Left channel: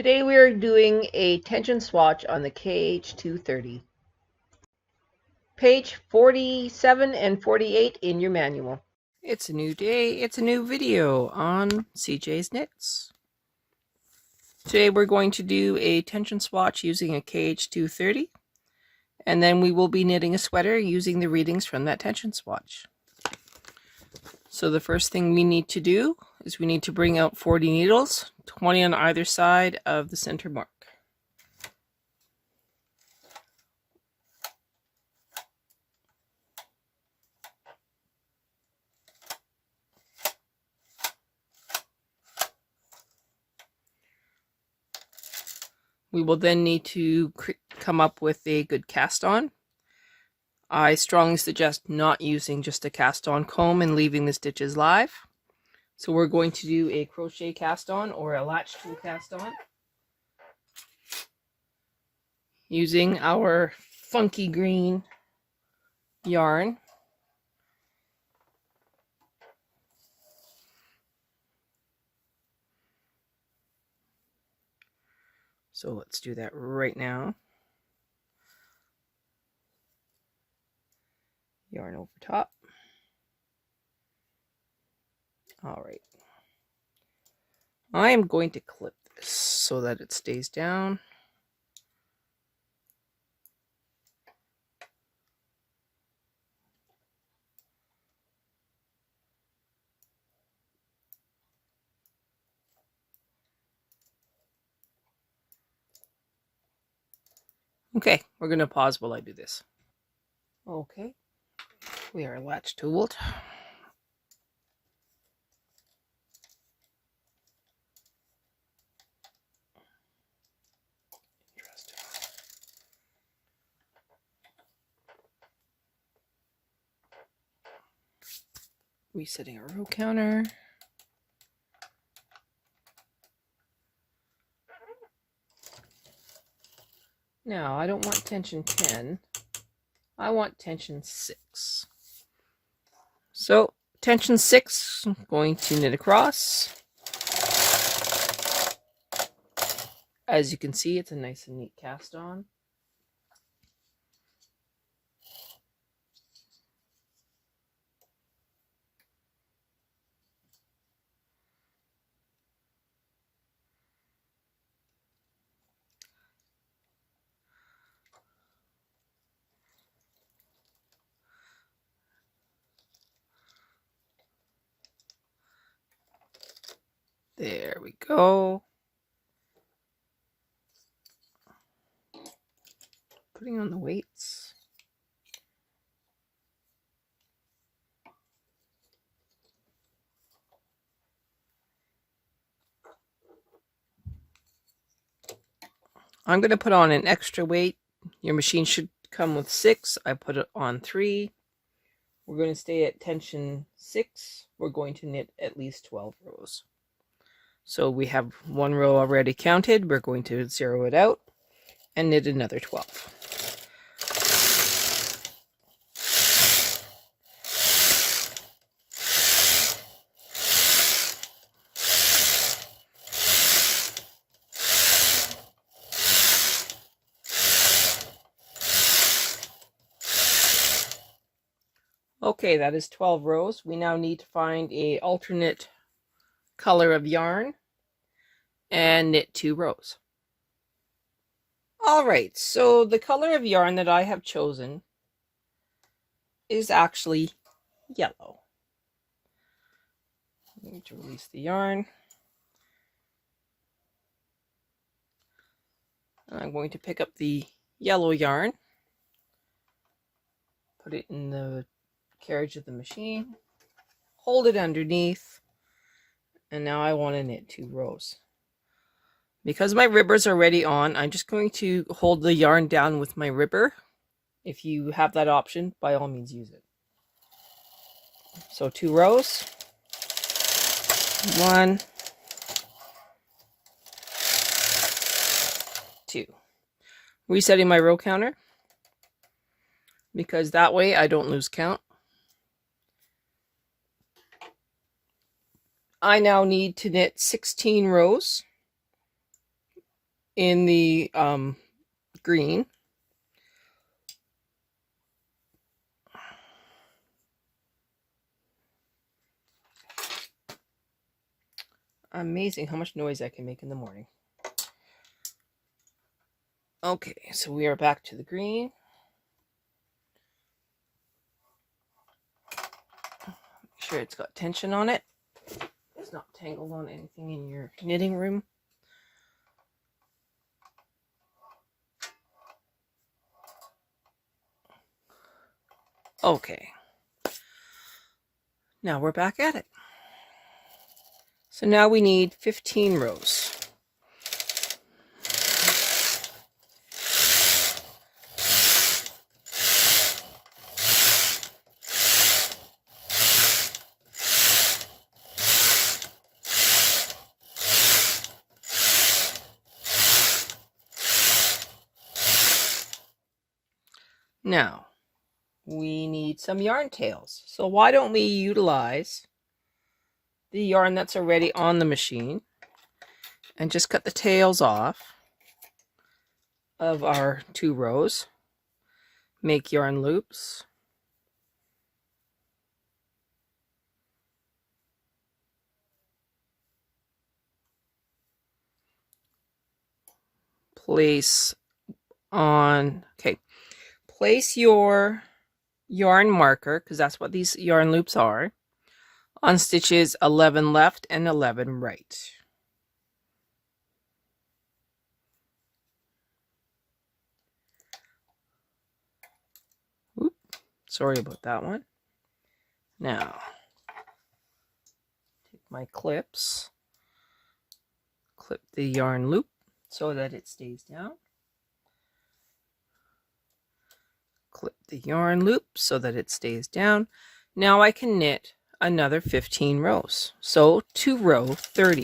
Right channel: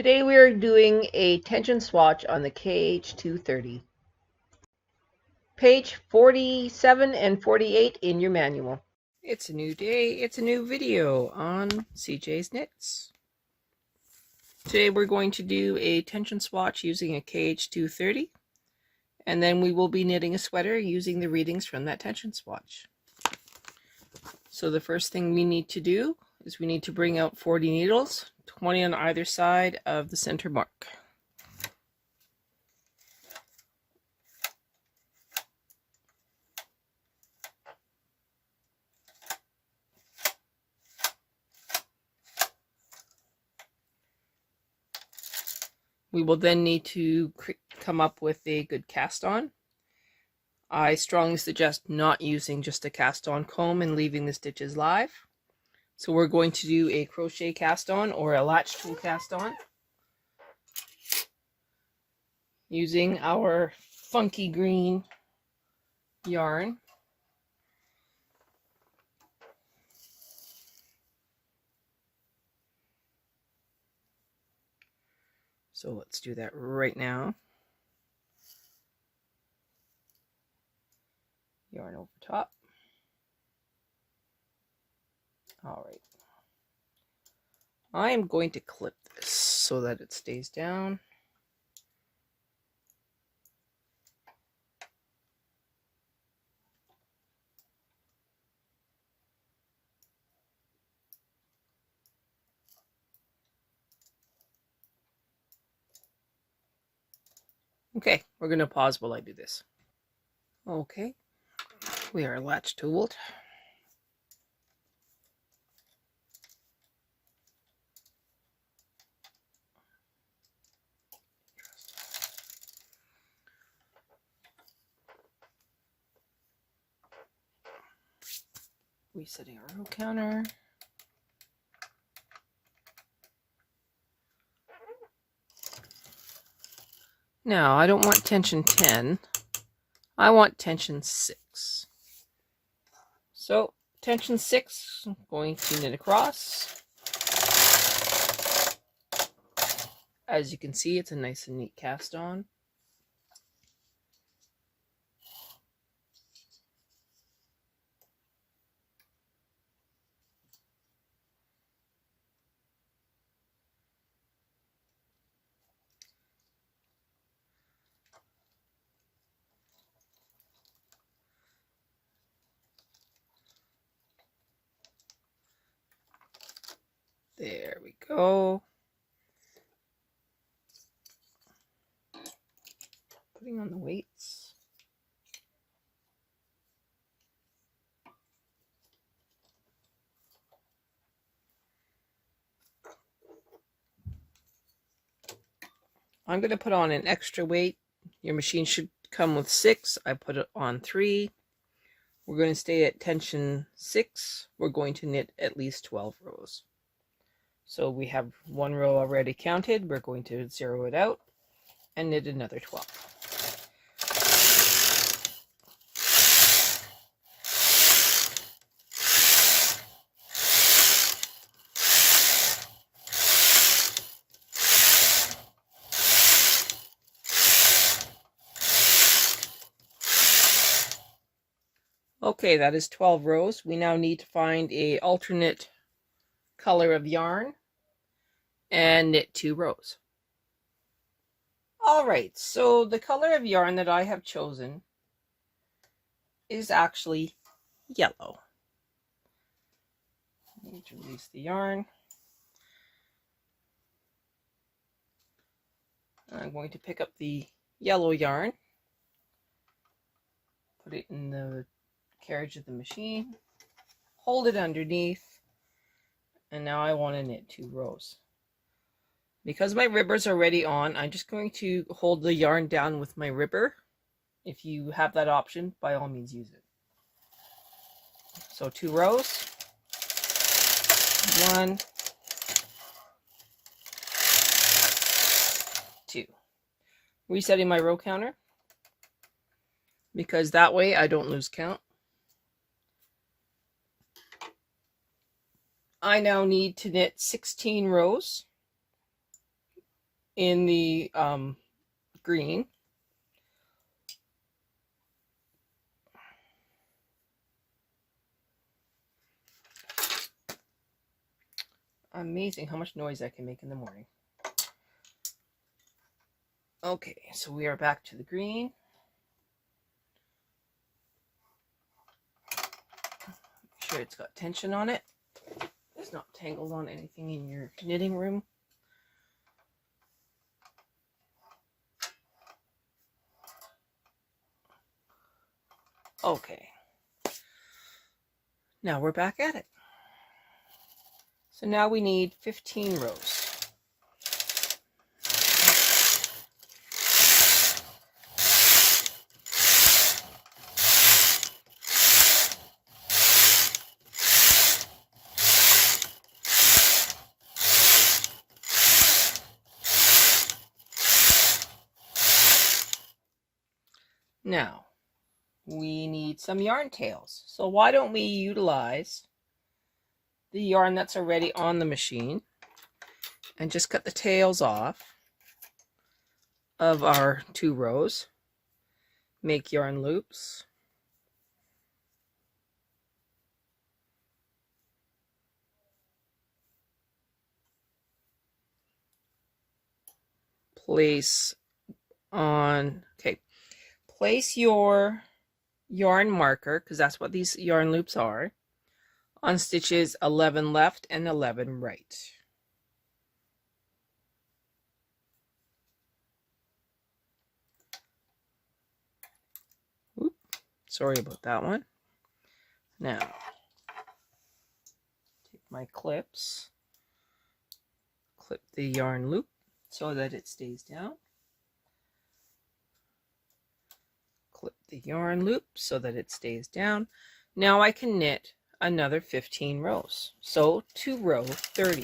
Today we are doing a tension swatch on the KH230. Page 47 and 48 in your manual. It's a new day, it's a new video on CJ's Knits. Today we're going to do a tension swatch using a KH230, and then we will be knitting a sweater using the readings from that tension swatch. So the first thing we need to do is we need to bring out 40 needles, 20 on either side of the center mark. We will then need to come up with a good cast on. I strongly suggest not using just a cast on comb and leaving the stitches live. So we're going to do a crochet cast on or a latch tool cast on using our funky green yarn. So let's do that right now. Yarn over top. All right. I am going to clip this so that it stays down. Okay, we're going to pause while I do this. Okay, we are latch tooled. Resetting our row counter. Now, I don't want tension 10. I want tension 6. So, tension 6, I'm going to knit across. As you can see, it's a nice and neat cast on. There we go. Putting on the weights. I'm going to put on an extra weight. Your machine should come with 6. I put it on 3. We're going to stay at tension 6. We're going to knit at least 12 rows. So we have 1 row already counted. We're going to 0 it out and knit another 12. Okay, that is 12 rows. We now need to find an alternate color of yarn and knit 2 rows. Alright, so the color of yarn that I have chosen is actually yellow. I need to release the yarn. I'm going to pick up the yellow yarn, put it in the carriage of the machine, hold it underneath, and now I want to knit 2 rows. Because my ribbers are already on, I'm just going to hold the yarn down with my ribber. If you have that option, by all means use it. So 2 rows. 1, 2. Resetting my row counter, because that way I don't lose count. I now need to knit 16 rows in the green. Amazing how much noise I can make in the morning. Okay, so we are back to the green. Make sure it's got tension on it. It's not tangled on anything in your knitting room. Okay. Now we're back at it. So now we need 15 rows. Now, we need some yarn tails. So why don't we utilize the yarn that's already on the machine and just cut the tails off of our 2 rows, make yarn loops, place on, okay, place your yarn marker, because that's what these yarn loops are, on stitches 11 left and 11 right. Oop, sorry about that one. Now, take my clips, clip the yarn loop so that it stays down. Clip the yarn loop so that it stays down. Now I can knit another 15 rows. So to row 30.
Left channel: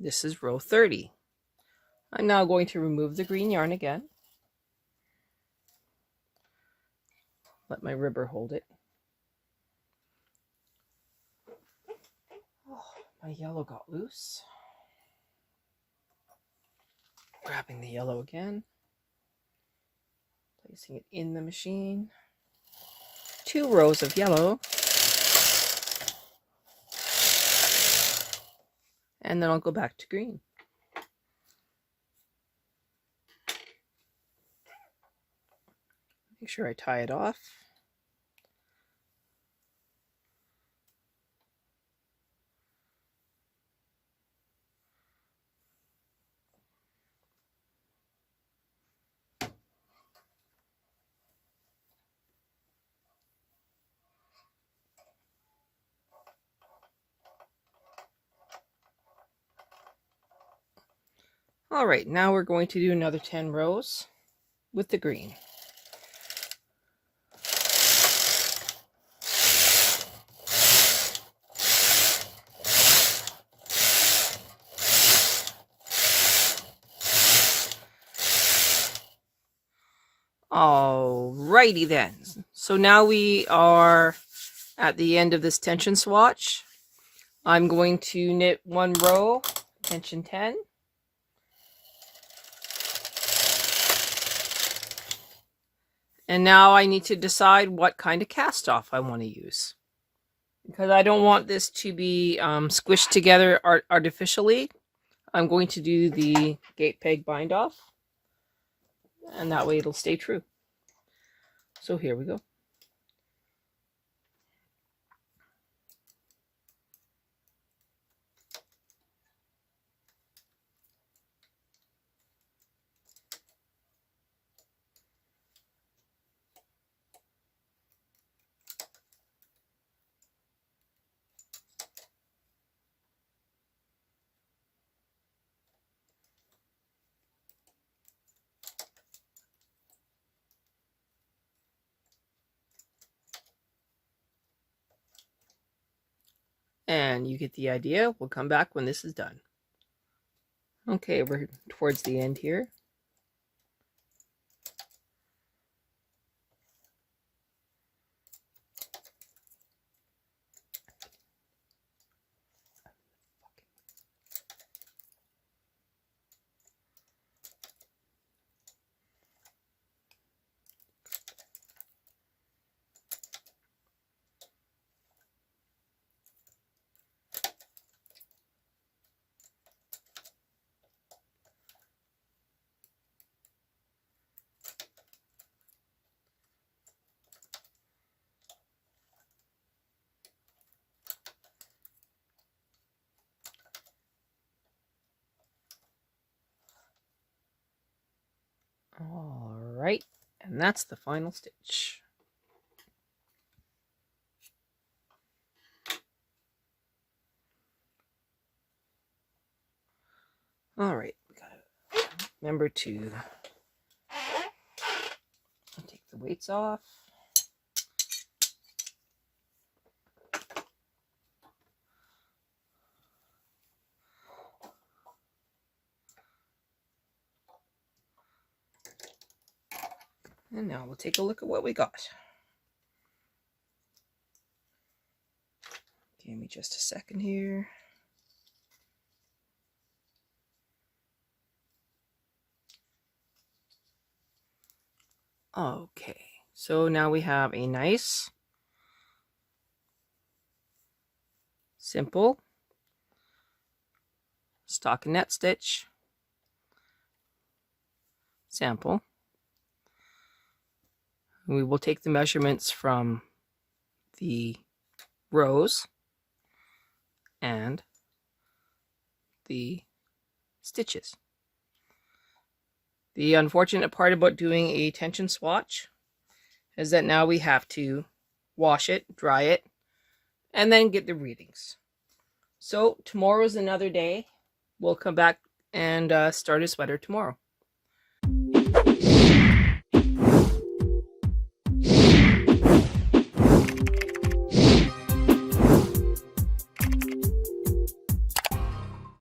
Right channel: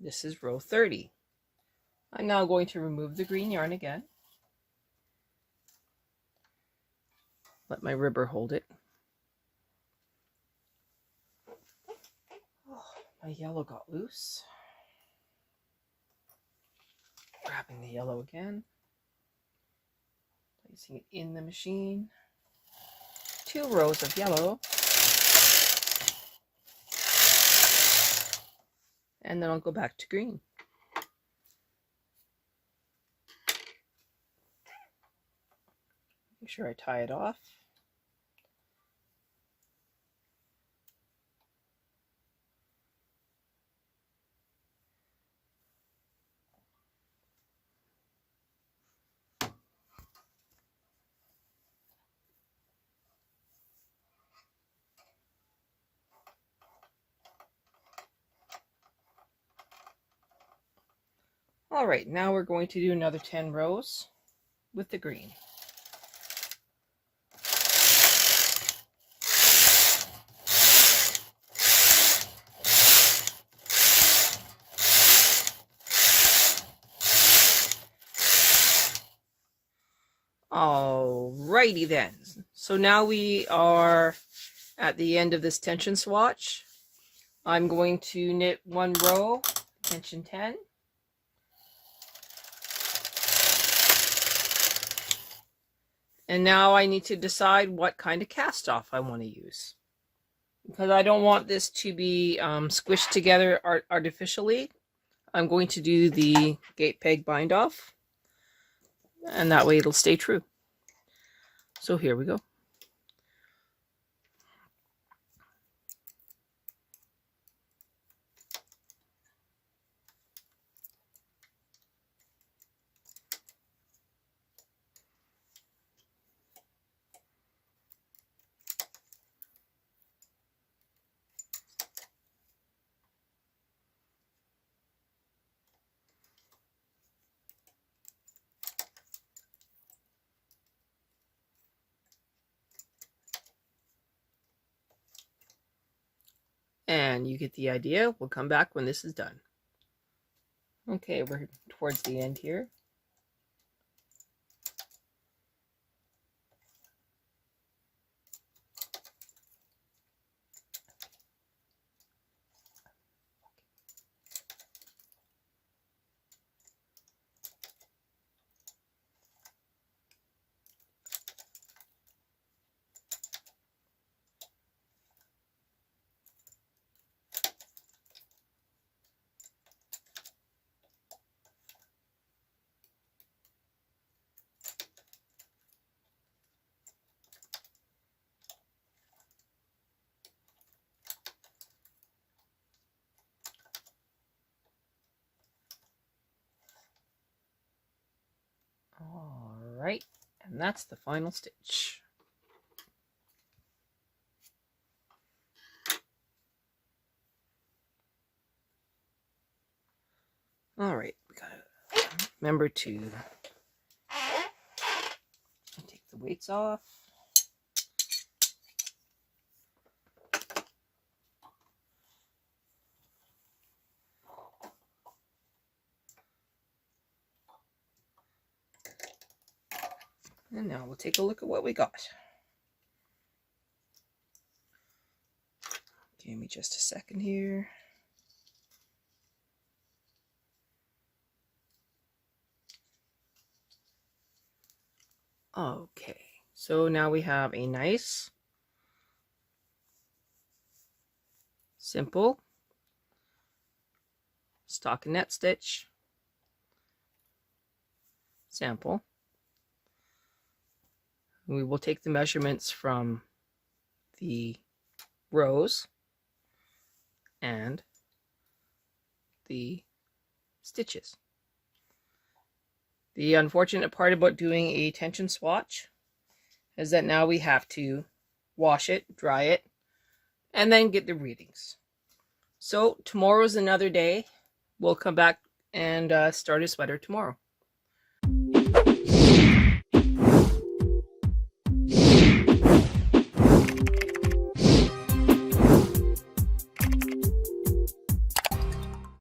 This is row 30. I'm now going to remove the green yarn again. Let my ribber hold it. Oh, my yellow got loose. Grabbing the yellow again. Placing it in the machine. 2 rows of yellow. And then I'll go back to green. Make sure I tie it off. All right, now we're going to do another 10 rows with the green. Alrighty then. So now we are at the end of this tension swatch. I'm going to knit 1 row, tension 10. And now I need to decide what kind of cast off I want to use. Because I don't want this to be squished together artificially, I'm going to do the gate peg bind off. And that way it'll stay true. So here we go. and you get the idea. We'll come back when this is done. Okay, we're towards the end here. All right, and that's the final stitch. All right, we gotta remember to take the weights off. And now we'll take a look at what we got. Give me just a second here. Okay, so now we have a nice, simple stockinette stitch sample. We will take the measurements from the rows and the stitches. The unfortunate part about doing a tension swatch is that now we have to wash it, dry it, and then get the readings. So tomorrow is another day. We'll come back and start a sweater tomorrow.